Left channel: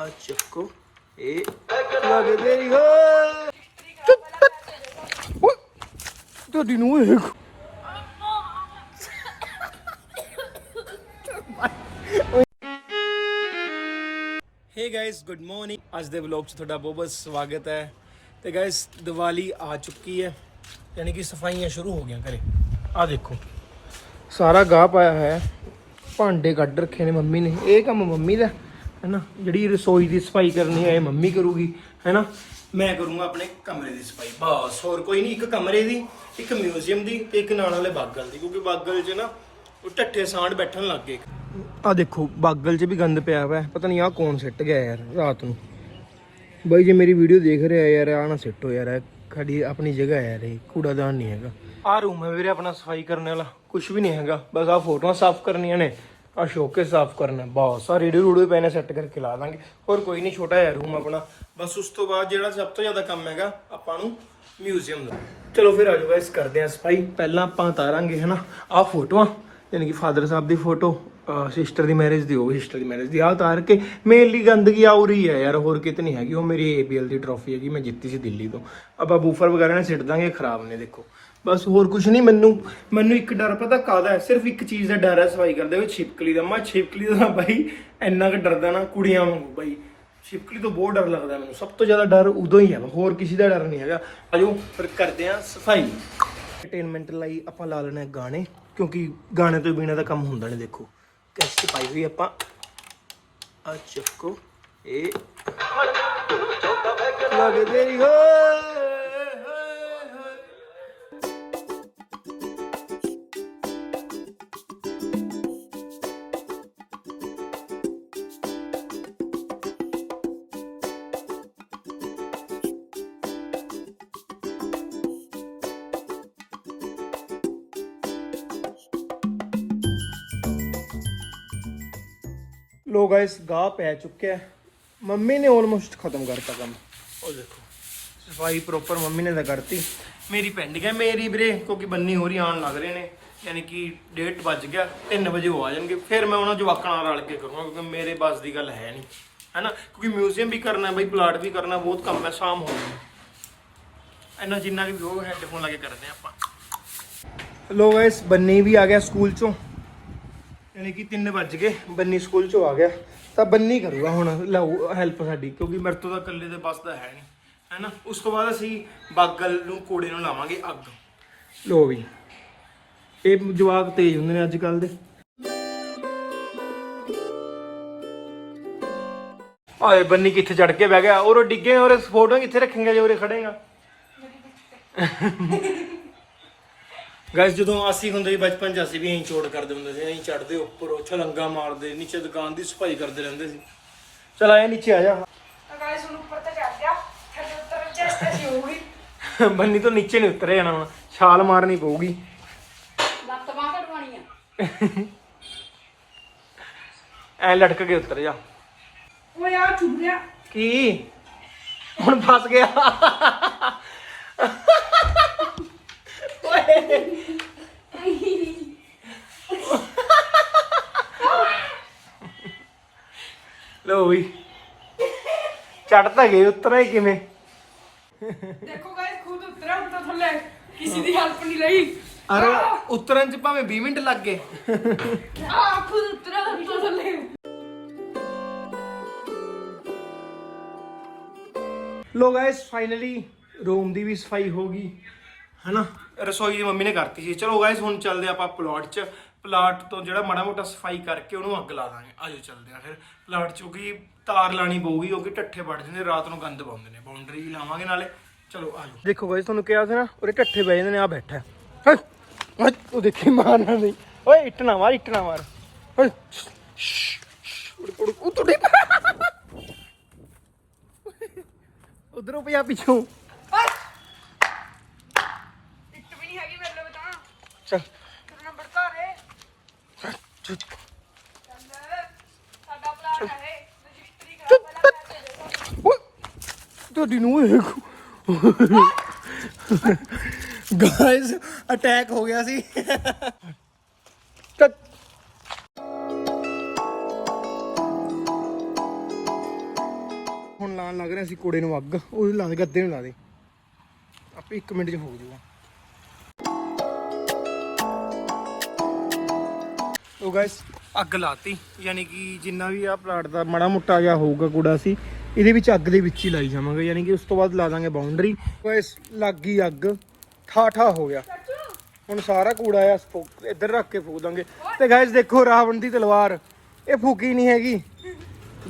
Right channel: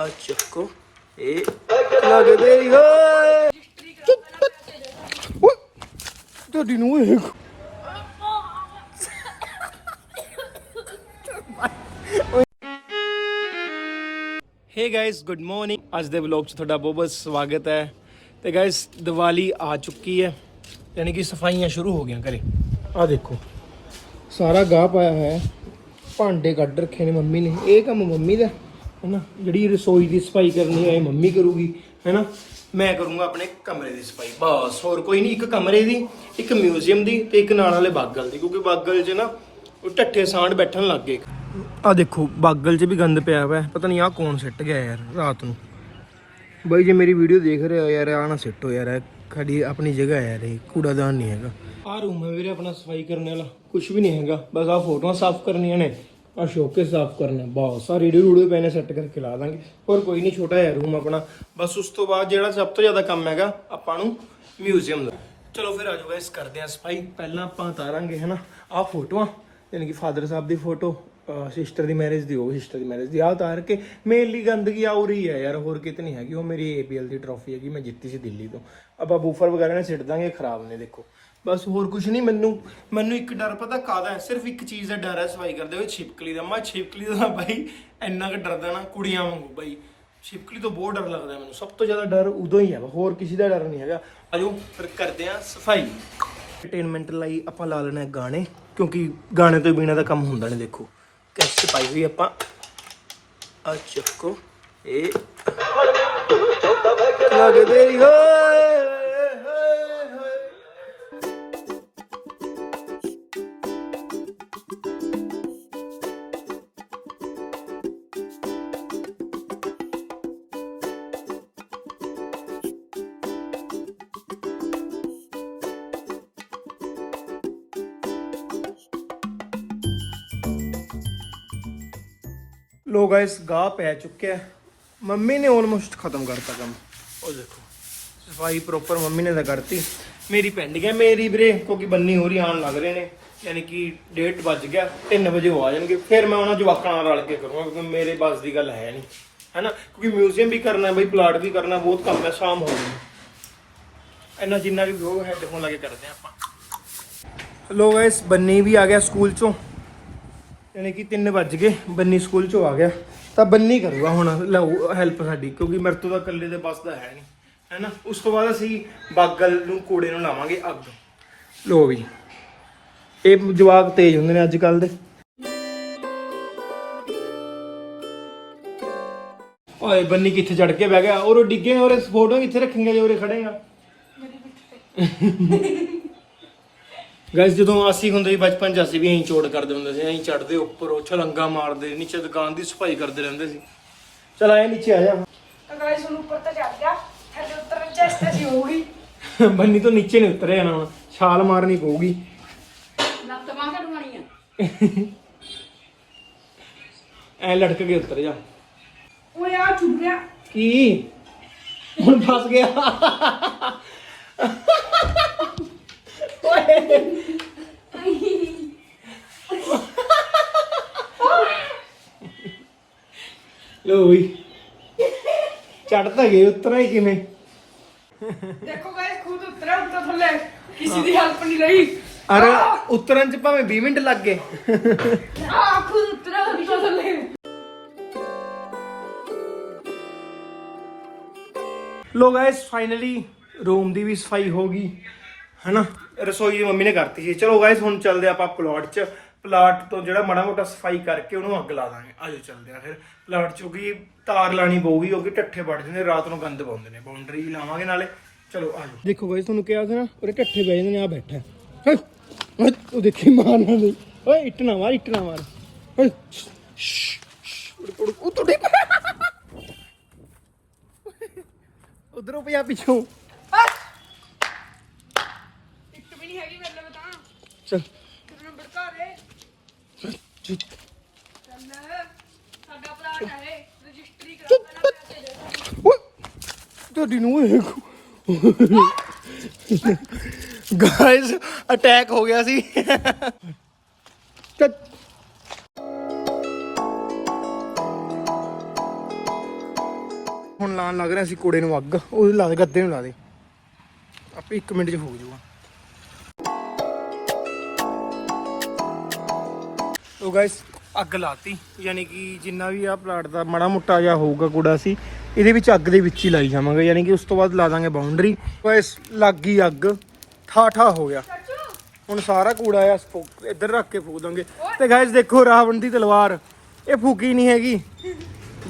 ਆ ਚੱਕੋ। ਇਹ ਲੱਗਦੇ ਹੀ ਹੋ ਤੁਹਾਡੀ ਨੂੰ ਹੇ ਗਾਇਸ ਗੁੱਡ ਮਾਰਨਿੰਗ ਅੱਜ ਦੇ ਵਲੌਗ 'ਚ ਤੁਹਾਡਾ ਬਹੁਤ ਬਹੁਤ ਸਵਾਗਤ ਹੈ। ਤੇ ਗਾਇਸ ਦੀਵਾਲੀ ਆ ਚੁੱਕੀ ਹੈ। ਯਾਨੀ ਕਿ ਸਫਾਈਆਂ ਸ਼ੁਰੂ ਹੋ ਗਈਆਂ ਘਰੇ। ਆ ਦੇਖੋ। ਸਾਰਾ ਗਾਹ ਪਾਇਆ ਹੋਇਆ ਹੈ। ਭਾਂਡੇ ਕੱਢ ਰੱਖੇ ਨੇ ਮੰਮੀ ਨੇ। ਇਹ ਕੰਮ ਮੰਮੀ ਦਾ। ਹੈ ਨਾ ਜਿਹੜੀ ਰਸੋਈ ਦੀ ਸਫ਼ਾਈ ਕਰਨੀ ਹੈ ਇਹ ਮੰਮੀ ਕਰੂਗੀ ਹੈ ਨਾ ਮੈਂ ਕਰੂੰਗਾ ਆਪਣੇ ਕਮਰੇ ਦੀ ਸਫ਼ਾਈ। ਬਸ ਹੋਰ ਕੋਈ ਨਹੀਂ ਇੱਕ ਕਮਰੇ ਦੀ ਇੱਕ ਮਿਊਜ਼ੀਅਮ ਦੀ ਤੇ ਇੱਕ ਨਾਲ ਵਾਲੇ ਬਾਗਲ ਦੀ ਕਿਉਂਕਿ ਬਾਗਲ 'ਚ ਨਾ ਉਹ ਢੱਠੇ ਸਾਂਢ ਬੈਠਣ ਲੱਗ ਗਏ ਆ ਦੇਖੋ ਬਾਗਲ 'ਚ ਵੀ ਗੰਦ ਪਿਆ ਹੋਇਆ ਹੈ। ਪਤਾ ਨਹੀਂ ਆ ਕੌਣ ਸਿੱਟ ਗਿਆ ਯਾਰ ਰਾਤ ਨੂੰ। ਬਾਈ ਜੇ ਮੇਰੀ ਵੀਡੀਓ ਦੇਖ ਰਿਹਾ ਯਾਰ ਆ ਨਾ ਸਿੱਟੋ ਯਾਰ ਖੜੀ ਆਪਣੀ ਜਗ੍ਹਾ ਹੈ ਯਾਰ ਇਹ ਕੂੜਾਦਾਨ ਨਹੀਂ ਹੈਗਾ। ਆ ਰੂਮ ਹੈ ਵੀਰੇ ਆਪਣਾ ਸਫ਼ਾਈ ਕਰਨ ਵਾਲਾ ਕੁਝ ਵੀ ਨਹੀਂ ਹੈਗਾ ਬਸ ਆ ਫੋਟੋਆਂ ਸਾਫ਼ ਕਰਨੀਆਂ ਨੇ। ਆ ਸ਼ੋਕੇ ਸਾਫ਼ ਕਰਨਾ ਬਹੁਤ। ਆ ਰੇਡੀਓ ਰੂੜੇ ਪੈਨੇ ਸੈੱਟ ਕਰਕੇ ਲਾ ਦਾਂਗੇ। ਹੋਰ ਕੋਈ ਨਹੀਂ, ਛੋਟਾ ਹੈ ਰੂਮ ਆਪਣਾ। ਬਸ ਉਸ ਤੋਂ ਬਾਅਦ ਜਿਹੜਾ ਸਭ ਤੋਂ ਜ਼ਿਆਦਾ ਕੰਮ ਹੈਗਾ, ਆਪਾਂ ਨੂੰ ਮਿਊਜ਼ੀਅਮ ਦਾ। ਚਲੋ ਫਿਰ ਆ ਆਜੋ ਗਾਇਸ ਕਰਦੇ ਹਾਂ ਸਫ਼ਾਈ। ਪਹਿਲਾਂ ਆਪਾਂ ਉਤਾਰਾਂਗੇ, ਹਨਾ? ਆ ਫੋਟੋਆਂ ਯਾਨੀ ਕਿ ਫਾਦਰ ਸਾਹਿਬ ਦੀ ਫੋਟੋ ਸਿਸਟਰ ਦੀ ਮੈਰਿਜ ਦੀ ਹੋਵੇ ਸਿਸਟਰ ਦੀ ਮੈਰਿਜ ਦੀ। ਆ ਉਤਾਰ ਕੇ ਮੇਨਲੀ ਗੰਦਗੀ ਆ ਰਹੀ ਹੈ ਯਾਰ, ਹੋਰ ਕਿਤੇ ਨਹੀਂ ਹੈਗੀ। ਉਹ ਮੇਰੀ ਏਪੀਐਲ ਦੀ ਟਰੋਫੀ ਹੈਗੀ, ਮੈਂ ਜਿੱਤੀ ਸੀ ਦਿੱਲੀ ਤੋਂ। ਆਪਾਂ ਬੂਫਰ ਵਗੈਰਾ ਨੇ ਸਿੱਟ ਦਾਂਗੇ ਖਰਾਬ ਨੇ, ਦੇਖੋ। ਬਸ ਹੋਰ ਕੁਝ ਨਹੀਂ ਮੈਨੂੰ ਮੈਨੂੰ ਇੱਕ ਡਰ ਪਤਾ ਕਾਦਾ ਹੈ? ਸਿਰਫ ਇੱਕ ਚੀਜ਼ ਦਾ ਡਰ ਹੈ ਸਫ਼ਾਈ ਕਰਦੇ ਹੋਏ ਛਿਪਕਲੀ ਦਾ। ਮੈਂ ਛਿਪਕਲੀ ਦਾ ਤਾਂ ਬਾਈ ਇੰਨਾ ਕੁ ਡਰਦਾ ਨਾ ਕੁੜੀਆਂ ਵਾਂਗੂ ਬਾਈ। ਛਿਪਕਲੀ ਤੋਂ ਬਹੁਤ ਡਰ ਲੱਗਦਾ ਮੈਨੂੰ। ਸਭ ਤੋਂ ਜ਼ਿਆਦਾ ਡਰ ਉਦੋਂ ਹੀ ਹੈ। ਹੋਰ ਕਿਸੇ ਦਾ ਡਰ ਨਹੀਂ ਹੈਗਾ। ਆਜੋ ਫਿਰ ਕਰਦੇ ਆ ਸਫ਼ਾਈ। ਐਂਟਰਟੇਨਮੈਂਟ ਲਈ ਆਪਾਂ ਲਾ ਲੈਣਾ ਗਾਣੇ ਕਿਉਂਕਿ ਗਾਣੇ ਤੋਂ ਬਿਨਾ ਤਾਂ ਕੰਮ ਹੁੰਦਾ ਨਹੀਂ ਦੇਖੋ। ਕੈਸਟ ਪਾਈ ਹੋਈ ਆਪਾਂ। ਆ ਚੱਕੋ ਇਹ। ਲੱਗਦੇ ਹੀ। ਲੋ ਗਾਇਸ ਗਾਹ ਪੈ ਚੁੱਕਿਆ। ਮੰਮੀ ਨੇ ਆਲਮੋਸਟ ਖਤਮ ਕਰਤਾ ਕੰਮ। ਉਹ ਦੇਖੋ, ਸਫ਼ਾਈ ਪ੍ਰੋਪਰ ਮੰਮੀ ਨੇ ਤਾਂ ਕਰਤੀ। ਮੇਰੀ ਪੈਂਡਿੰਗ ਹੈ ਮੇਰੀ ਵੀਰੇ, ਕਿਉਂਕਿ ਬੰਨੀ ਹੋ ਰਹੀ ਆਉਣ ਲੱਗ ਰਹੇ ਨੇ, ਯਾਨੀ ਕਿ ਡੇਟ ਵੱਜ ਗਿਆ 3 ਵਜੇ ਉਹ ਆ ਜਾਣਗੇ। ਫਿਰ ਮੈਂ ਉਹਨਾਂ ਜਵਾਕਾਂ ਨਾਲ ਰਲ ਕੇ ਕਰੂੰਗਾ, ਕਿਉਂਕਿ ਮੇਰੇ ਬਸ ਦੀ ਗੱਲ ਹੈ ਨਹੀਂ, ਹੈਨਾ? ਕਿਉਂਕਿ ਮਿਊਜ਼ੀਅਮ ਵੀ ਕਰਨਾ, ਬਈ ਪਲਾਟ ਵੀ ਕਰਨਾ, ਬਹੁਤ ਕੰਮ ਹੈ, ਸ਼ਾਮ ਹੋ ਗਈ। ਇੰਨਾ ਜਿੰਨਾ ਵੀ ਹੋ ਹੈੱਡਫੋਨ ਲਾ ਕੇ ਕਰਦੇ ਹਾਂ ਆਪਾਂ। ਲੋ ਗਾਇਸ ਬੰਨੀ ਵੀ ਆ ਗਿਆ ਸਕੂਲ ਚੋਂ। ਯਾਨੀ ਕਿ 3 ਵੱਜ ਗਏ, ਬੰਨੀ ਸਕੂਲ ਚੋਂ ਆ ਗਿਆ। ਤਾਂ ਬੰਨੀ ਕਰੂਗਾ ਹੁਣ ਲਓ ਹੈਲਪ ਸਾਡੀ, ਕਿਉਂਕਿ ਮੇਰੇ ਤੋਂ ਤਾਂ ਇਕੱਲੇ ਦੇ ਬਸ ਦਾ ਹੈ ਨਹੀਂ ਹੈਨਾ? ਉਸ ਤੋਂ ਬਾਅਦ ਅਸੀਂ ਬਾਗਲ ਨੂੰ ਕੋੜੇ ਨੂੰ ਲਾਵਾਂਗੇ ਅੱਗ। ਲੋ ਵੀ, ਇਹ ਜਵਾਕ ਤੇਜ਼ ਹੁੰਦੇ ਨੇ ਅੱਜ ਕੱਲ ਦੇ। ਆਏ ਬੰਨੀ ਕਿੱਥੇ ਚੜ ਕੇ ਬਹਿ ਗਿਆ? ਔਰ ਡਿੱਗੇ ਔਰ ਫੋਟੋ ਕਿੱਥੇ ਰੱਖੇਗਾ ਜੇ, ਉਰੇ ਖੜੇਗਾ ਗਾਇਸ ਜਦੋਂ ਅਸੀਂ ਹੁੰਦੇ ਸੀ ਬਚਪਨ ਚ ਅਸੀਂ ਵੀ ਐਂ ਚੋੜ ਕਰਦੇ ਹੁੰਦੇ ਸੀ ਐਂ ਚੜਦੇ ਉੱਪਰ ਉਹ ਛਲੰਗਾ ਮਾਰਦੇ ਨੀਚੇ ਦੁਕਾਨ ਦੀ ਸਫ਼ਾਈ ਕਰਦੇ ਰਹਿੰਦੇ ਸੀ। ਚਲ ਆਇਆ ਨੀਚੇ ਆ ਜਾ। ਗਾਇਸ ਹੁਣ ਉੱਪਰ ਤਾਂ ਚੜ ਗਿਆ। ਥੱਲੇ ਉਤਰਨ ਚ ਅਸੀਂ ਹੋਊਗੀ। ਬੰਨੀ ਤੋਂ ਨੀਚੇ ਨਹੀਂ ਉਤਰੇ ਜਾਣਾ ਵਾ। ਛਾਲ ਮਾਰਨੀ ਪਊਗੀ। ਲੱਤ ਬਾਂਹ ਕਢਵਾਉਣੀ ਆ। ਐ ਲਟਕ ਕੇ ਉਤਰ ਜਾ। ਓਏ ਆ ਚੁੱਭ ਗਿਆ। ਕੀ? ਹੁਣ ਫਸ ਗਿਆ। ਲੋ ਵੀ ਚੜ ਤਾਂ ਗਏ ਉਤਰਾ ਹੀ ਕਿਵੇਂ? ਦੇਖੋ ਗਾਇਸ ਖੁਦ ਉਤਰਿਆ ਉੱਤਰ ਥੱਲੇ। ਕਿਸੇ ਦੀ ਹੈਲਪ ਨਹੀਂ ਰਹੀ। ਅਰੇ ਉਤਰਨ ਚ ਭਾਵੇਂ 20 ਮਿੰਟ ਲੱਗ ਗਏ। ਆ ਖੁਦ ਉਤਰਿਆ ਉੱਤਰ ਥੱਲੇ। ਲੋ ਗਾਇਸ ਫਾਈਨਲੀ ਰੂਮ ਦੀ ਵੀ ਸਫ਼ਾਈ ਹੋ ਗਈ। ਹੈਨਾ? ਰਸੋਈ ਮੰਮੀ ਨੇ ਕਰਤੀ ਸੀ। ਚਲੋ ਗਾਇਸ ਹੁਣ ਚੱਲਦੇ ਆਪਾਂ ਪਲਾਟ 'ਚ। ਪਲਾਟ ਤੋਂ ਜਿਹੜਾ ਮਾੜਾ ਮੋਟਾ ਸਫ਼ਾਈ ਕਰਕੇ ਉਹਨੂੰ ਅੱਗ ਲਾ ਦਾਂਗੇ। ਆਜੋ ਚੱਲਦੇ ਆ ਫਿਰ। ਪਲਾਟ 'ਚ ਕਿਉਂਕਿ ਤਾਰ ਲਾਣੀ ਪਊਗੀ ਕਿਉਂਕਿ ਠੱਠੇ ਵੜ ਜਾਂਦੇ ਰਾਤ ਨੂੰ ਗੰਦ ਪਾਉਂਦੇ ਨੇ। ਬਾਉਂਡਰੀ ਲਾਵਾਂਗੇ ਨਾਲੇ। ਚਲੋ ਆਜੋ। ਦੇਖੋ ਗਾਇਸ ਤੁਹਾਨੂੰ ਕਿਹਾ ਸੀ ਨਾ ਉਹਦੇ ਠੱਠੇ ਬਹਿ ਜਾਂਦੇ ਨੇ ਆ ਬੈਠਾ। ਉਹ ਦੇਖੀ ਮਾਰਨਾ ਨਹੀਂ। ਓਏ ਇੱਟ ਨਾ ਮਾਰ ਇੱਟ ਨਾ ਮਾਰ। ਓਏ ਉਹ ਉਧਰੋਂ ਪਿਆ ਪਿੱਛੋਂ ਇੱਕ ਵੀ ਨਹੀਂ ਹੈਗੀ ਮੇਰੇ ਲਈ ਤਾਂ ਚੱਲ। ਤੇਰਾ ਨੰਬਰ ਘਰ ਹੈ ਚੱਲ। ਸਾਡਾ ਹੈ ਰਜਿਸਟਰੀ ਕਰਾ ਤੁਹਾਡੀ ਨੂੰ ਗਾਇਸ ਅਟੈਕ ਹੋ ਗਿਆ ਸੀ। ਹੁਣ ਲਾਣ ਲੱਗ ਰਿਹਾ ਸੀ ਕੋੜੇ ਨੂੰ ਅੱਗ। ਉਹ ਲਾ ਦੇ ਗੱਦੇ ਨੂੰ ਲਾ ਦੇ। ਆਪੇ 1 ਮਿੰਟ 'ਚ ਫੂਕ ਜਾਊਗਾ। ਤੋ ਗਾਇਸ ਅੱਗ ਲਾਤੀ ਯਾਨੀ ਕਿ ਜਿੰਨਾ ਵੀ ਆ ਪਲਾਟ ਦਾ ਮਾੜਾ ਮੁੱਟਾ ਜਿਹਾ ਹੋਊਗਾ ਕੂੜਾ ਸੀ ਇਹਦੇ ਵਿੱਚ ਅੱਗ ਦੇ ਵਿੱਚ ਹੀ ਲਾਈ ਜਾਵਾਂਗੇ ਯਾਨੀ ਕਿ ਉਸ ਤੋਂ ਬਾਅਦ ਲਾ ਦਾਂਗੇ ਬਾਉਂਡਰੀ ਗਾਇਸ ਲੱਗ ਗਈ ਅੱਗ ਠਾ ਠਾ ਹੋ ਗਿਆ। ਹੁਣ ਸਾਰਾ ਕੂੜਾ ਆ ਇੱਧਰ ਰੱਖ ਕੇ ਫੂਕ ਦਾਂਗੇ। ਤੇ ਗਾਇਸ ਦੇਖੋ ਰਾਵਣ ਦੀ ਤਲਵਾਰ ਇਹ ਫੂਕੀ ਨਹੀਂ ਹੈਗੀ।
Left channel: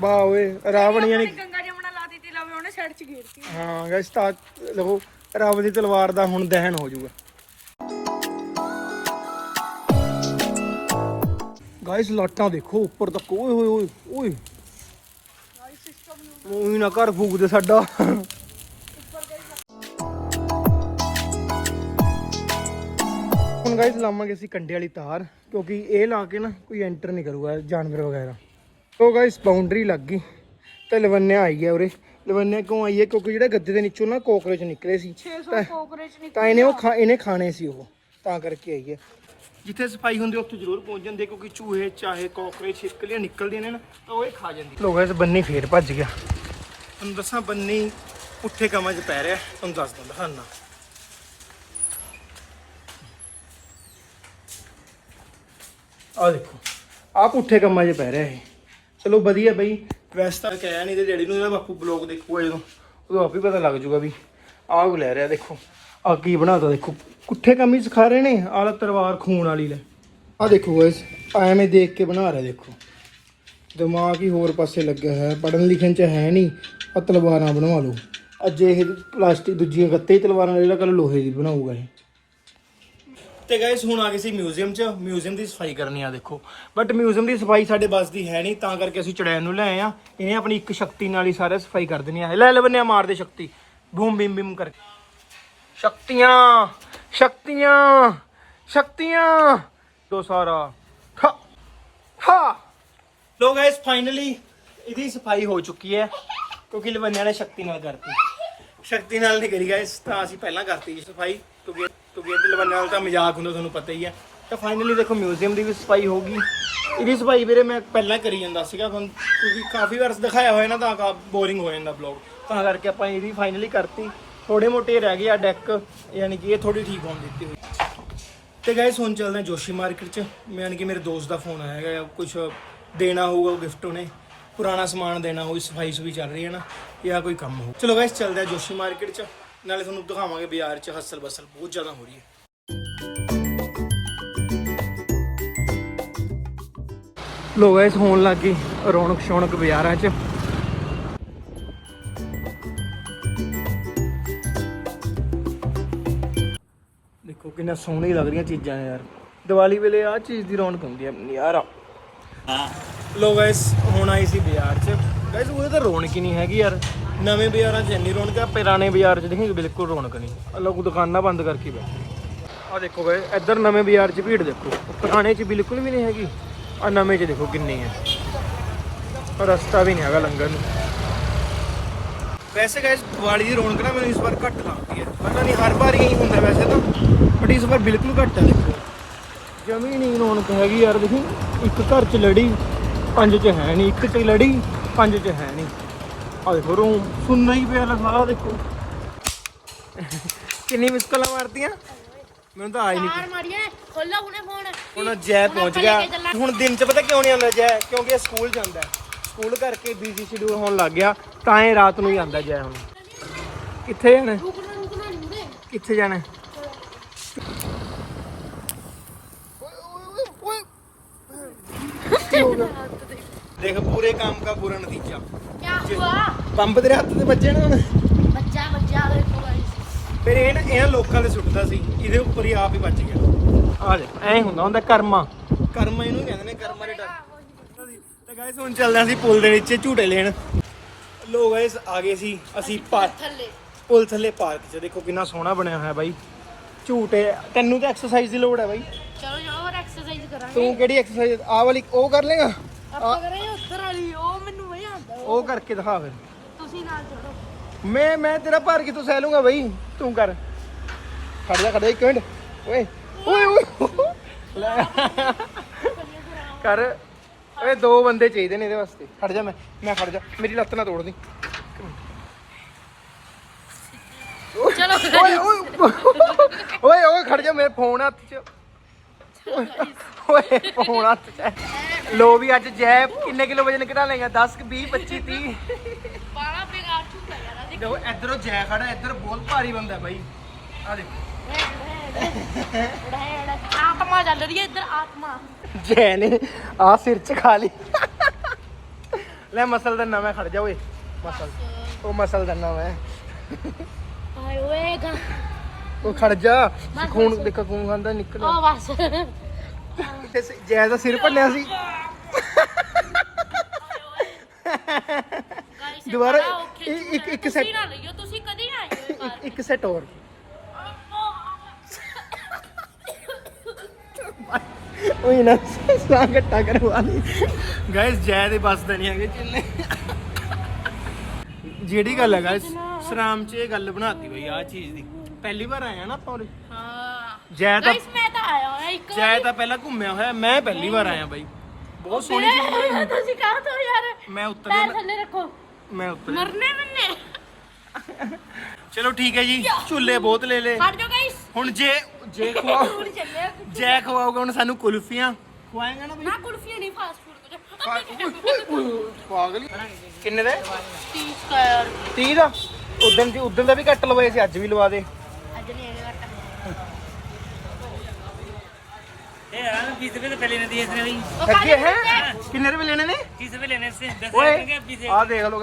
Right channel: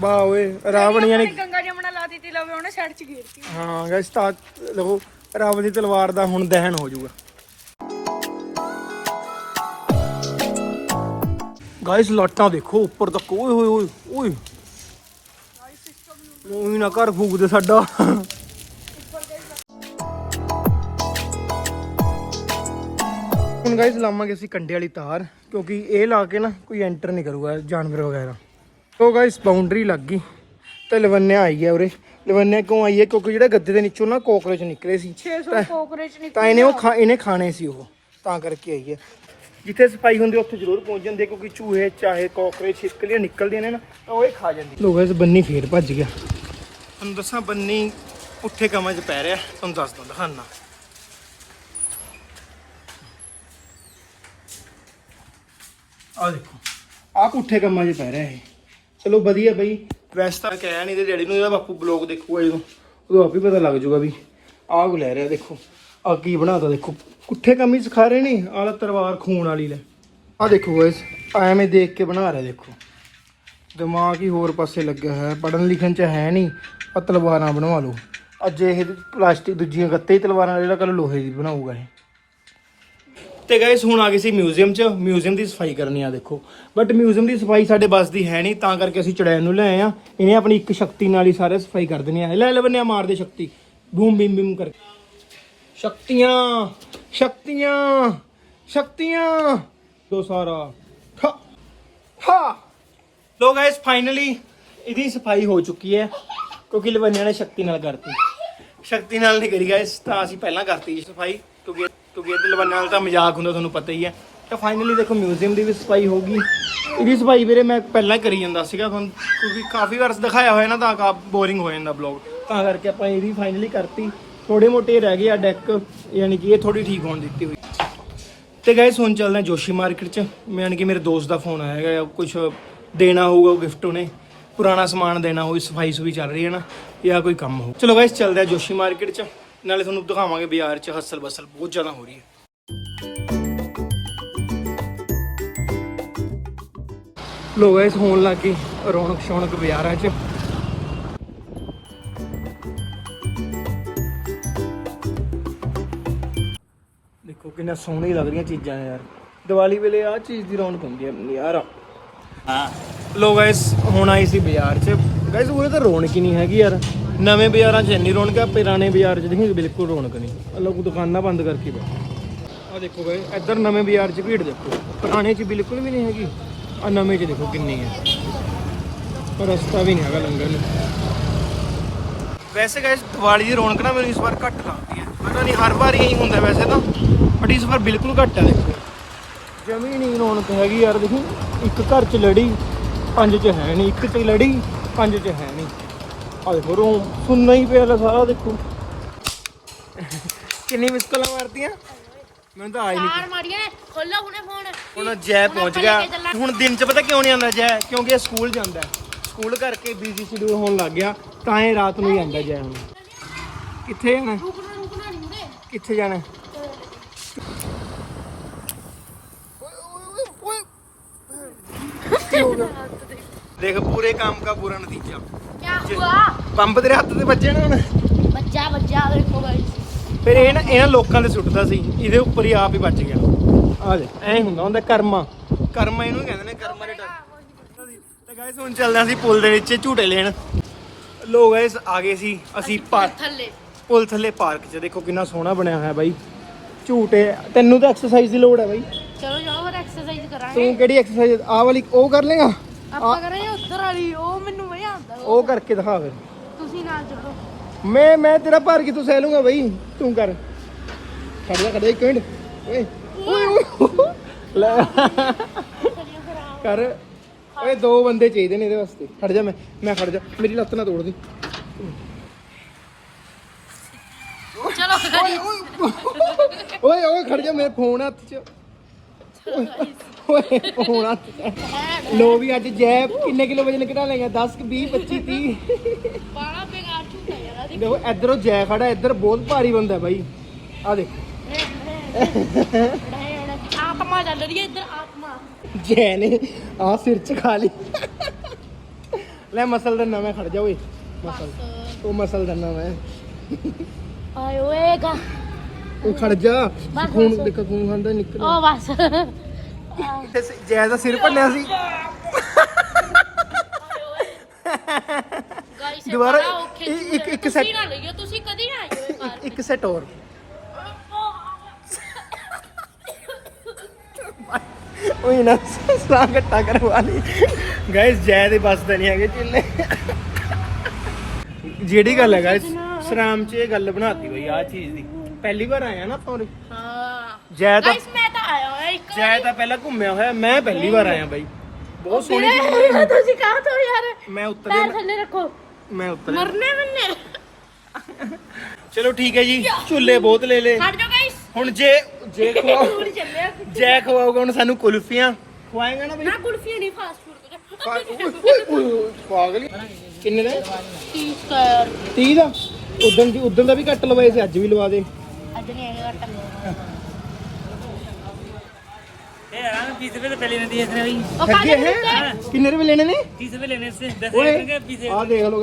ਵਾਹ ਓਏ ਰਾਵਣ ਯਾਨੀ ਗੰਗਾ ਜਮਨਾ ਲਾ ਦਿੱਤੀ ਲਵੇ ਉਹਨੇ ਸਾਈਡ ਚ ਗੀਰਤੀ। ਹਾਂ ਗਾਇਸ ਤਾਂ ਲਵੋ ਰਾਵਣ ਦੀ ਤਲਵਾਰ ਦਾ ਹੁਣ ਦਹਨ ਹੋ ਜਾਊਗਾ। ਗਾਇਸ ਲਾਟਾਂ ਦੇਖੋ ਉੱਪਰ ਤੱਕ ਓਏ ਹੋਏ ਓਏ ਓਏ। ਮੂੰਹ ਨਾ ਘਰ ਫੂਕ ਦੇ ਸਾਡਾ? ਹੁਣ ਗਾਇਸ ਲਾਵਾਂਗੇ ਅਸੀਂ ਕੰਡੇ ਵਾਲੀ ਤਾਰ ਕਿਉਂਕਿ ਇਹ ਲਾ ਕੇ ਨਾ ਕੋਈ ਐਂਟਰ ਨਹੀਂ ਕਰੂਗਾ ਜਾਨਵਰ ਵਗੈਰਾ। ਤੋ ਗਾਇਸ ਬਾਉਂਡਰੀ ਲੱਗ ਗਈ। ਤੇ ਲਵੰਨਿਆ ਆਈ ਹੈ ਉਰੇ। ਲਵੰਨਿਆ ਕਿਉਂ ਆਈ ਹੈ? ਕਿਉਂਕਿ ਜਿਹੜਾ ਗੱਦੇ ਦੇ ਨੀਚੋਂ ਨਾ ਕੋਕਰੋਚ ਨਿਕਲੇ ਸੀ। 600 ਕੋਕਰੇਚ ਨਿਕਲ ਤਾਂ ਇਹਨੇ ਉਹ ਖਾ ਇਹਨੇ ਖਾਣੇ ਸੀ ਉਹ। ਤਾਂ ਕਰਕੇ ਆਈ ਹੈ। ਜਿੱਥੇ ਸਫ਼ਾਈ ਹੁੰਦੀ ਉੱਥੇ ਜ਼ਰੂਰ ਪਹੁੰਚ ਜਾਂਦੇ ਕਿਉਂਕਿ ਚੂਹੇ ਚਾਹੇ ਕੋਕਰੇਚ ਛਿਪਕਲੀਆਂ ਨਿਕਲਦੀਆਂ ਨੇ ਨਾ ਤਾਂ ਉਹ ਇਹ ਖਾ ਜਾਂਦੀ ਲੋਕਾਂ ਇਸ ਬੰਨੀ ਫੇਰ ਭੱਜ ਗਿਆ। ਤੁਹਾਨੂੰ ਦੱਸਾਂ ਬੰਨੀ ਉੱਥੇ ਕਮਾਂ 'ਚ ਪੈ ਰਿਹਾ। ਤੁਹਾਨੂੰ ਦੱਸ ਦਿੰਦਾ ਦਿਖਾਨਾ ਆ ਦੇਖੋ ਆਪ ਉੱਥੇ ਕੰਮਾਂ 'ਚ ਪੈ ਰਿਹਾ ਇਹ। ਚਲੋ ਵਧੀਆ ਬਈ ਵੈਸੇ ਤਾਂ ਕਹਿਆ ਨਹੀਂ ਤੇ ਡੈਡੀ ਨੂੰ ਇਹਦਾ ਬਾਪੂ ਬਲੌਗ ਦੇਖੂਗਾ ਜਦੋਂ ਉਦੋਂ ਆਪ ਹੀ ਪਤਾ ਲੱਗ ਜਾਊਗਾ ਵੀ ਆਹ ਲੈ ਰਿਹਾ ਦੇਖੋ ਆ ਕੀ ਬਣਾਤਾ ਦੇਖੋ। ਕੁੱਠੇ ਕੰਮ ਹੀ ਸਿਖਾ ਰਹੇ ਨੇ ਆਹ ਤਲਵਾਰ ਖੂਨ ਵਾਲੀ ਨੇ। ਆ ਦੇਖੋ ਗਾਇਸ, ਐਵੇਂ ਦੇਖ ਕੇ ਬਣਾ ਰਿਹਾ ਦੇਖੋ। ਦਿਮਾਗ ਹੀ ਹੋਰ ਪਾਸੇ ਲੱਗਿਆ ਹੋਇਆ ਪੜਨ ਲਿਖਣ ਚ ਹੈ ਨਹੀਂ ਆ ਤਲਵਾਰਾਂ ਬਣਵਾ ਲਓ। ਅੱਜ ਇਹ ਪਲਾਸਟਿਕ ਦੂਜੀਆਂ ਗੱਤੇ ਤਲਵਾਰਾਂ ਵਾਲੀ ਕੱਲ ਲੋਹੇ ਦੀ ਬਣਾਊਗਾ ਇਹ। ਤੇ ਗਾਇਸ, ਹੁਣ ਆ ਗਏ ਸੀ ਮਿਊਜ਼ੀਅਮ 'ਚ, ਮਿਊਜ਼ੀਅਮ ਦੀ ਸਫ਼ਾਈ ਕਰਨੀ ਆ ਦੇਖੋ। ਬਟ ਮਿਊਜ਼ੀਅਮ ਦੀ ਸਫ਼ਾਈ ਸਾਡੇ ਬਸ ਦੀ ਹੈ ਨਹੀਂ, ਤਾਂ ਕਰਕੇ ਅਸੀਂ ਚੜੈਨ ਨੂੰ ਲੈ ਆਏ ਆ। ਇਹਨੇ ਆਪਣੀ ਇੱਕ ਸ਼ਕਤੀ ਨਾਲ ਹੀ ਸਾਰੇ ਸਫ਼ਾਈ ਕਰ ਦੇਣੀ ਆ। ਲੈ ਲੈ ਬੰਨਿਆ, ਮਾਰ ਦੇ ਸ਼ਕਤੀ। ਬੂਮ, ਬਿਮ ਬਿਮ ਕਰਕੇ। ਸ਼ਕਤੀਆਂ ਸ਼ਕਤੀਆਂ ਸ਼ਕਤੀਆਂ। ਦੋ ਸਾਰਾ। ਹਾ ਹਾ ਲੋ ਗਾਇਸ ਫਾਈਨਲੀ ਇਹਦੀ ਸਫ਼ਾਈ ਹੋ ਚੁੱਕੀ ਹੈ, ਕਿਉਂਕਿ ਲਵੰਨਿਆ ਨੇ ਸ਼ਕਤੀ ਨਾਲ ਕਰਤੀ। ਸ਼ਕਤੀ ਨਾਲ ਨਹੀਂ ਕਰੀ ਗਾਇਸ ਤਾਂ ਅਸੀਂ ਪਹਿਲਾਂ ਕਰਤੀ ਜੀ ਸਫ਼ਾਈ, ਕਿਉਂਕਿ ਕਿਉਂਕਿ ਇਹਦੇ ਲਵੰਨਿਆ ਨਾਲ ਤਾਂ ਮਜ਼ਾਕ ਹੁੰਦਾ, ਤੁਹਾਨੂੰ ਪਤਾ ਹੀ ਹੈ। ਤਾਂ ਫਾਈਨਲੀ ਦੇਖੋ ਮਿਊਜ਼ੀਅਮ ਦੀ ਵੀ ਸਫ਼ਾਈ ਹੋ ਗਈ। ਇਹਦੀ ਸਫ਼ਾਈ ਵੀਰੇ ਮੈਂ ਪਹਿਲਾਂ ਕਰੀ ਜਾਂਦਾ ਸੀਗਾ, ਤੁਹਾਨੂੰ ਕਿਉਂਕਿ ਕਾਫੀ ਵਾਰ ਦਿਖਾਇਆ ਹੋਇਆ ਨਾ, ਤਾਂ ਕਾ ਬੋਰਿੰਗ ਹੋ ਜਾਂਦਾ ਬਲੌਗ ਤਾਂ ਕਰਕੇ ਆਪਾਂ ਇਹਦੀ ਫਾਈਨਲੀ ਕਰਤੀ। ਥੋੜੇ ਮੋਟੇ ਰਹਿ ਗਏ ਆ ਡੈਕ ਯਾਨੀ ਕਿ ਇਹ ਥੋੜੀ ਠੀਕ ਹੋਣ ਦਿੱਤੀ ਹੋਈ। ਤੇ ਗਾਇਸ ਹੁਣ ਚੱਲਦੇ ਜੋਸ਼ੀ ਮਾਰਕੀਟ ਚ। ਮੈਂ ਯਾਨੀ ਕਿ ਮੇਰੇ ਦੋਸਤ ਦਾ ਫੋਨ ਆਇਆ ਹੈਗਾ ਕੁਝ ਦੇਣਾ ਹੋਊਗਾ, ਉਹ ਗਿਫਟ ਉਹਨੇ। ਪੁਰਾਣਾ ਸਮਾਨ ਦੇਣਾ ਹੋਈ ਸਫ਼ਾਈ ਸੁਈ ਚੱਲ ਰਹੀ ਹੈ ਨਾ, ਜਾਂ ਕੋਈ ਕੰਮ ਹੋ ਚਲੋ ਗਾਇਸ ਚੱਲਦੇ ਆ ਜੋਸ਼ੀ ਮਾਰਕੀਟ ਚ। ਨਾਲੇ ਤੁਹਾਨੂੰ ਦਿਖਾਵਾਂਗੇ ਬਾਜ਼ਾਰ ਚ ਹਸਲ ਬਸਲ ਬਹੁਤ ਜ਼ਿਆਦਾ ਹੋ ਰਹੀ ਹੈ। ਲੋ ਗਾਇਸ ਹੋਣ ਲੱਗ ਰੌਣਕ ਸ਼ੌਣਕ ਬਾਜ਼ਾਰਾਂ ਚ। ਕਿੰਨਾ ਸੋਹਣੀ ਲੱਗ ਰਹੀਆਂ ਚੀਜ਼ਾਂ ਨੇ ਯਾਰ। ਦੀਵਾਲੀ ਵੇਲੇ ਆ ਚੀਜ਼ ਦੀ ਰੌਣਕ ਹੁੰਦੀ ਹੈ ਯਾਰ ਹਾਂ। ਲੋ ਗਾਇਸ ਹੁਣ ਆਈ ਸੀ ਬਾਜ਼ਾਰ 'ਚ। ਗਾਇਸ ਉਹਦੇ ਤਾਂ ਰੌਣਕ ਹੀ ਨਹੀਂ ਹੈਗੀ ਯਾਰ। ਨਵੇਂ ਬਾਜ਼ਾਰਾਂ 'ਚ ਇੰਨੀ ਰੌਣਕ ਆ ਪੁਰਾਣੇ ਬਾਜ਼ਾਰ 'ਚ ਦੇਖੀ ਬਿਲਕੁਲ ਰੌਣਕ ਨਹੀਂ। ਲੋਕ ਦੁਕਾਨਾਂ ਬੰਦ ਕਰਕੇ ਬੈਠੇ। ਆ ਦੇਖੋ ਗਾਇਸ ਇੱਧਰ ਨਵੇਂ ਬਾਜ਼ਾਰ 'ਚ ਭੀੜ ਦੇਖੋ। ਦੁਕਾਨੇ 'ਚ ਬਿਲਕੁਲ ਵੀ ਨਹੀਂ ਹੈਗੀ। ਆ ਨਵੇਂ 'ਚ ਦੇਖੋ ਕਿੰਨੀ ਹੈ ਰਸਤਾ ਵੀ ਨਹੀਂ ਹੈਗਾ ਲੰਘਣ ਨੂੰ। ਵੈਸੇ ਗਾਇਸ ਦੀਵਾਲੀ ਦੀ ਰੌਣਕ ਨਾ ਮੈਨੂੰ ਇਸ ਵਾਰ ਘੱਟ ਲੱਗਦੀ ਹੈ। ਪਤਾ ਨਹੀਂ ਹਰ ਵਾਰ ਇਹੀ ਹੁੰਦਾ ਵੈਸੇ ਤਾਂ ਬਟ ਇਸ ਵਾਰ ਬਿਲਕੁਲ ਘੱਟ ਹੈ। ਜਮੀ ਨਹੀਂ ਰੌਣਕ ਹੈਗੀ ਯਾਰ ਦੇਖੀ ਇੱਕ ਘਰ 'ਚ ਲੜੀ ਪੰਜ 'ਚ ਹੈ ਨਹੀਂ ਇੱਕ 'ਚ ਲੜੀ ਪੰਜ 'ਚ ਹੈ ਨਹੀਂ ਆ ਦੇਖੋ ਰੂਮ ਸੁੰਨਾ ਹੀ ਪਿਆ ਲਾ ਸਾਰਾ ਦੇਖੋ। ਕਿੰਨੀ ਮਿਸਕਲਾਂ ਮਾਰਦੀਆਂ ਮੈਨੂੰ ਤਾਂ ਆਈ ਨਹੀਂ ਮਾਰ ਮਾਰੀਏ ਖੋਲੋ ਹੁਣੇ ਫੋਨ ਹੁਣ ਜੈ ਪਹੁੰਚ ਗਿਆ। ਹੁਣ ਦਿਨ 'ਚ ਪਤਾ ਕਿਉਂ ਨਹੀਂ ਆਉਂਦਾ ਜੈ? ਕਿਉਂਕਿ ਇਹ ਸਕੂਲ ਜਾਂਦਾ। ਹੈ। ਸਕੂਲ ਕਰਕੇ ਬਿਜ਼ੀ ਸ਼ਡਿਊਲ ਹੋਣ ਲੱਗ ਗਿਆ ਤਾਂ ਇਹ ਰਾਤ ਨੂੰ ਹੀ ਆਉਂਦਾ ਜੈ ਹੁਣ। ਕਿੱਥੇ ਜਾਣਾ? ਹੈ? ਰੁਕਣਾ ਰੁਕਣਾ ਨਹੀਂ ਉਰੇ। ਕਿੱਥੇ ਜਾਣਾ? ਦੇਖ ਪੂਰੇ ਕੰਮ ਦਾ ਪੂਰਾ ਨਤੀਜਾ। ਕੀ ਹੁਆ? ਪੰਪ ਤੇਰੇ ਹੱਥ ਤੇ ਵੱਜੇ ਨਾ ਹੁਣ? ਬੱਚਾ ਬੱਚਾ ਦੇਖੋ ਗਾਇਸ ਫਿਰ ਇਹ ਨਾ ਇਹਨਾਂ ਲੋਕਾਂ ਦੇ ਸੁੱਟਦਾ ਸੀ। ਇਹਦੇ ਉੱਪਰ ਹੀ ਆਪ ਹੀ ਵੱਜ ਗਿਆ। ਆ ਦੇ ਐਂ ਹੁੰਦਾ ਹੁੰਦਾ ਕਰਮਾ। ਕਰਮਾ ਇਹਨੂੰ ਕਹਿੰਦੇ ਨੇ ਕਰਮਾ ਦੇ ਡਰ। ਤੇ ਗਾਇਸ ਹੁਣ ਚੱਲਦੇ ਹਾਂ ਅਸੀਂ ਪੁਲ ਦੇ ਵਿੱਚ ਝੂਟੇ ਲੈਣ। ਲੋ ਗਾਇਸ ਆ ਗਏ ਸੀ ਅਸੀਂ ਪਾਰਕ ਥੱਲੇ। ਪੁਲ ਥੱਲੇ ਪਾਰਕ 'ਚ। ਦੇਖੋ ਕਿੰਨਾ ਸੋਹਣਾ ਬਣਿਆ ਹੋਇਆ ਬਾਈ। ਝੂਟੇ ਤੈਨੂੰ ਤਾਂ ਐਕਸਰਸਾਈਜ਼ ਦੀ ਲੋੜ ਹੈ ਬਾਈ। ਚਲੋ ਚਲੋ ਹੋਰ ਐਕਸਰਸਾਈਜ਼ ਕਰਾਂਗੇ। ਤੂੰ ਕਿਹੜੀ ਐਕਸਰਸਾਈਜ਼ ਆਹ ਵਾਲੀ ਉਹ ਕਰ ਲੇਗਾ? ਆਪਾਂ ਕਰਾਂਗੇ ਉੱਧਰ ਵਾਲੀ ਉਹ ਮੈਨੂੰ ਮਜ਼ਾ ਆਉਂਦਾ। ਉਹ ਕਰਕੇ ਦਿਖਾ ਫਿਰ। ਤੁਸੀਂ ਨਾਲ ਚੜੋ ਮੈਂ ਮੈਂ ਤੇਰਾ ਭਾਰ ਕਿਤੋਂ ਸਹਿ ਲੂੰਗਾ ਬਈ? ਤੂੰ ਕਰ। ਖੜ ਜਾ ਖੜ ਜਾ ਇੱਕ ਮਿੰਟ। ਓਏ ਓਏ ਓਏ। ਲੈ। ਕਰ। ਓਏ ਦੋ ਬੰਦੇ ਚਾਹੀਦੇ ਨੇ ਇਹਦੇ ਵਾਸਤੇ। ਖੜ ਜਾ ਮੈਂ ਮੈਂ ਖੜ ਜਾ। ਮੇਰੀ ਲੱਤ ਨਾ ਤੋੜ ਦੀ। ਚਲੋ ਓਏ ਓਏ ਓਏ ਓਏ ਖੜ ਜਾ ਮੇਰੇ ਫੋਨ ਹੱਥ 'ਚ। ਓਏ, ਫੋਨ ਹੱਥ 'ਚ। ਲੋ ਵੀ ਅੱਜ ਜੈ ਕਿੰਨੇ ਕਿਲੋ ਵਜਨ ਘਟਾ ਲੇਗਾ 10 20 25 30 ਬਾਲਾ ਬੇਕਾਰ ਝੂਠਾ ਯਾਰ ਆ ਦੇਖ ਦੇਖੋ ਇਧਰੋਂ ਜੈ ਖੜਾ ਇੱਧਰ ਬਹੁਤ ਭਾਰੀ ਬੰਦਾ ਬਾਈ। ਆ ਦੇਖੋ। ਆਤਮਾ ਚੱਲ ਰਹੀ ਹੈ ਇੱਧਰ ਆਤਮਾ। ਜੈ ਨੇ ਆ ਸਿਰ 'ਚ ਖਾ ਲਈ। ਲੈ ਮਸਲ ਦਾ ਨਵਾਂ ਖੜ ਜਾ ਓਏ ਮਸਲ। ਉਹ ਮਸਲ ਦਾ ਨਵਾਂ ਆਏ ਓਏ ਗਾ। ਉਹ ਖੜ ਜਾ। ਖੂਨ ਦੇਖੋ ਖੂਨ ਖਾਂਦਾ ਨਿਕਲ। ਉਹ ਬਸ। ਜੈ ਦਾ ਸਿਰ ਭੰਨਿਆ ਸੀ। ਦੁਬਾਰਾ ਇੱਕ- ਇੱਕ- ਸੈਟ ਤੁਸੀਂ ਕਦੀ ਨਾ ਆਇਓ। ਇੱਕ ਸੈਟ ਹੋਰ। ਉਹੀ ਨਾ ਸਾਹ ਘੱਟਾ ਕਰਵਾ ਲਈ। ਗਾਇਸ ਜੈ ਦੇ ਬਸ ਦਾ ਨਹੀਂ ਹੈਗੇ ਚਿੱਲੇ ਜਿਹੜੀ ਗੱਲ ਹੈ ਗਾਇਸ ਸਰਾਮ ਚ ਇਹ ਗੱਲ ਬਣਾਤੀ ਬਈ ਆ ਚੀਜ਼ ਦੀ। ਪਹਿਲੀ ਵਾਰ ਆਇਆ ਨਾ ਤੋਰੇ ਹਾਂ। ਜੈ ਤਾਂ ਮੈਂ ਤਾਂ ਆਇਆ ਹੋਇਆ ਇੱਕ ਜੈ ਤਾਂ ਪਹਿਲਾਂ ਘੁੰਮਿਆ ਹੋਇਆ ਮੈਂ ਪਹਿਲੀ ਵਾਰ ਆਇਆ ਬਾਈ। ਬਹੁਤ ਸੋਹਣੀ ਚੀਜ਼। ਤੁਸੀਂ ਕਹਾਂ ਤੋਂ ਯਾਰ। ਮੈਂ ਉੱਤਰ ਪੈਰ ਗਿਆ ਥੱਲੇ ਰੱਖੋ। ਮੈਂ ਉੱਤਰ ਮਰਨੇ ਮੰਨੇ ਚਲੋ ਠੀਕ ਹੈ ਜੀ ਝੁੱਲੇ ਬਹੁਤ ਲੈ ਲੇ ਹਟ ਜਾਓ ਹੁਣ ਜੇ ਜੇ ਖਵਾ ਹੁਣ ਚੱਲਿਆ ਜੇ ਖਵਾਊਗਾ ਹੁਣ ਸਾਨੂੰ ਕੁਲਫੀਆਂ। ਖਵਾਏਗਾ ਨਾ ਬਈ? ਨਾ ਕੁਲਫੀਆਂ ਨਹੀਂ ਫਾਸਟ ਫੂਡ ਕਿੰਨੇ ਦਾ? 30 ਕਰ 30 ਦਾ? ਉਦੋਂ ਦੀ ਉਦੋਂ ਦਾ ਵੀ ਕੱਟ ਲਵਾਏ ਸੀ ਅੱਜ ਵੀ ਲਵਾ ਦੇ। ਅੱਜ ਨਹੀਂ ਹੈਗਾ ਕੱਟ ਇਹ ਆਣ 20 ਰੁਪਏ ਪਹਿਲੇ ਨੇ ਦਿਏ ਸੀ। ਬਈ ਹੈ? ਕਿੰਨੇ ਰੁਪਏ ਲੈਣੇ ਨੇ? ਦੇਖ ਲੋ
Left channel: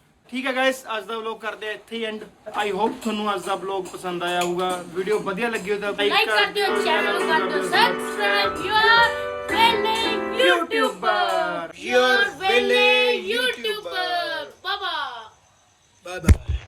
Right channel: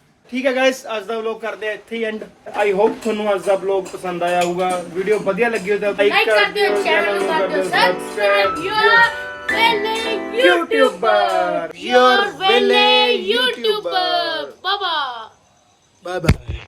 ਠੀਕ ਹੈ ਗਾਇਸ ਅੱਜ ਦਾ ਵਲੌਗ ਕਰਦੇ ਆ ਇੱਥੇ ਹੀ ਐਂਡ ਆਈ ਹੋਪ ਤੁਹਾਨੂੰ ਅੱਜ ਦਾ ਵਲੌਗ ਪਸੰਦ ਆਇਆ ਹੋਊਗਾ। ਵੀਡੀਓ ਵਧੀਆ ਲੱਗੀ ਹੋ ਤਾਂ ਲਾਈਕ ਕਰ ਦਿਓ ਚੈਨਲ ਨੂੰ ਕਰ ਦਿਓ ਸਬਸਕ੍ਰਾਈਬ ਯੂਰ ਵੇਲੇ ਯੂਟਿਊਬਰ ਯੂਰ ਵੇਲੇ ਯੂਟਿਊਬਰ ਬਾਬਾ ਬਾਏ